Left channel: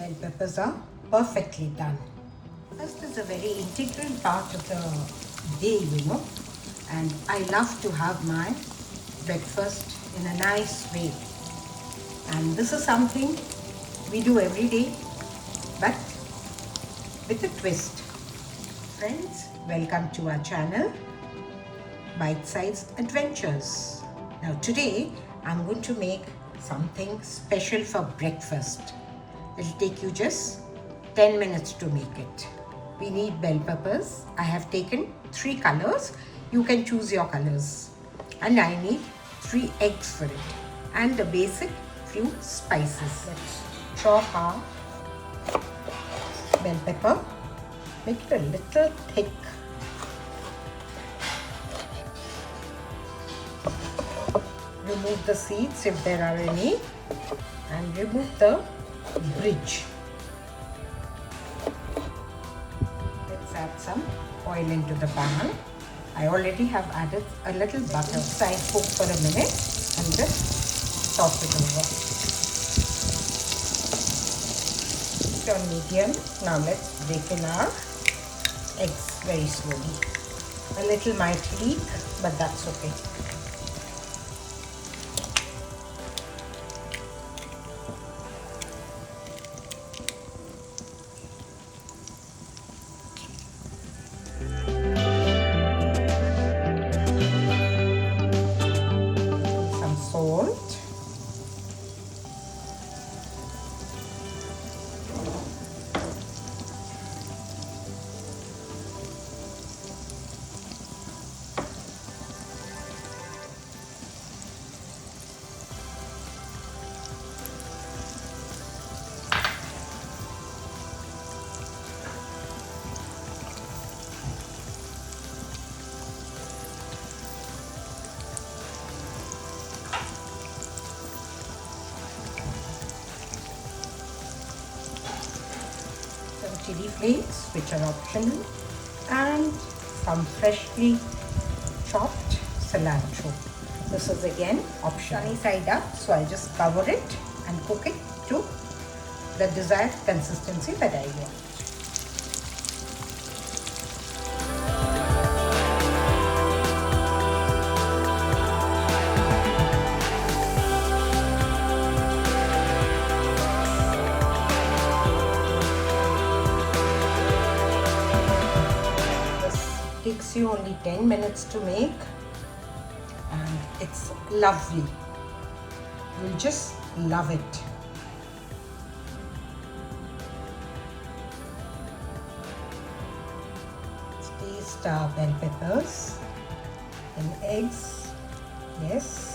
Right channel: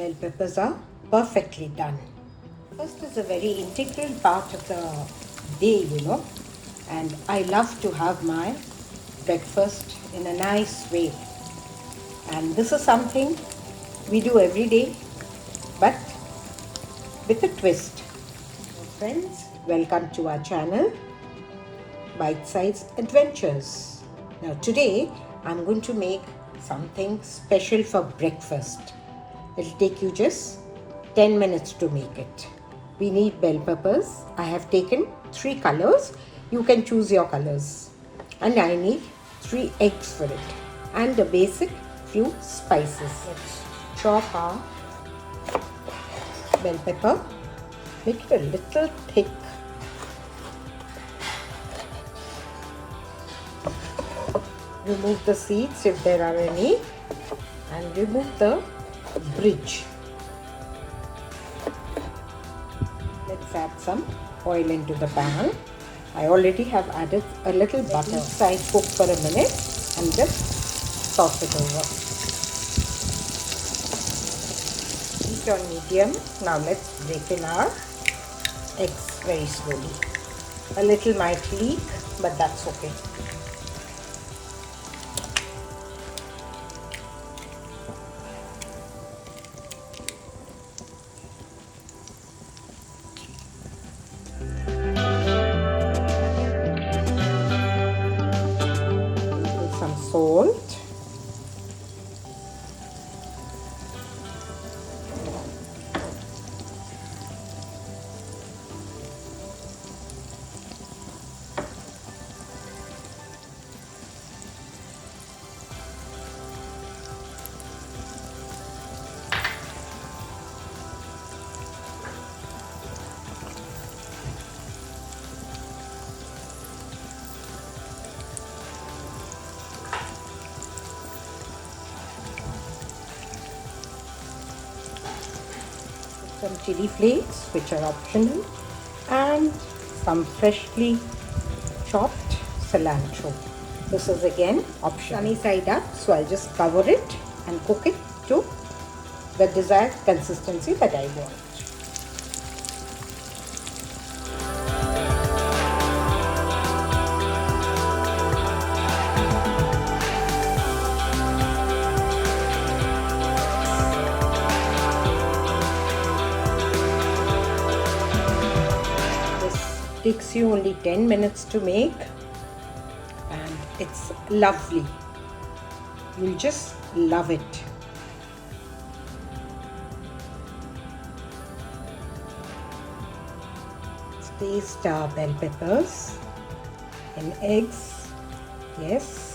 Bell peppers are perfectly done. First is a very integral part of the day, and I love to have my breakfast in a nice way. And this is something we do every day, but with a twist. Friends, welcome to our channel, Bite-Size Adventures. Now today, I'm going to make something special for breakfast. It'll take you just 10 minutes to make it. We need bell peppers. I have taken 3 colors. You can choose your colors. And I need 3 eggs for it. And the basic few spices. Let's chop our bell pepper. Make it a little thick. Remove the seeds if there are any. And remove the bridge. Let's add some oil into the pan. I already have added a little butter. I cook for a minute and just toss it over. Heat on medium. Now let's break in our eggs very slowly. A little might leak, but that's okay. Salt, some chili flakes, which are optional, and some freshly chopped cilantro. This is again optional. Sunny side up, so I'll just cover it and cook it to the desired consistency that I want. Takes you only 10 minutes to make, and it's lovely. You'll just love it. Taste our bell peppers and eggs. Yes.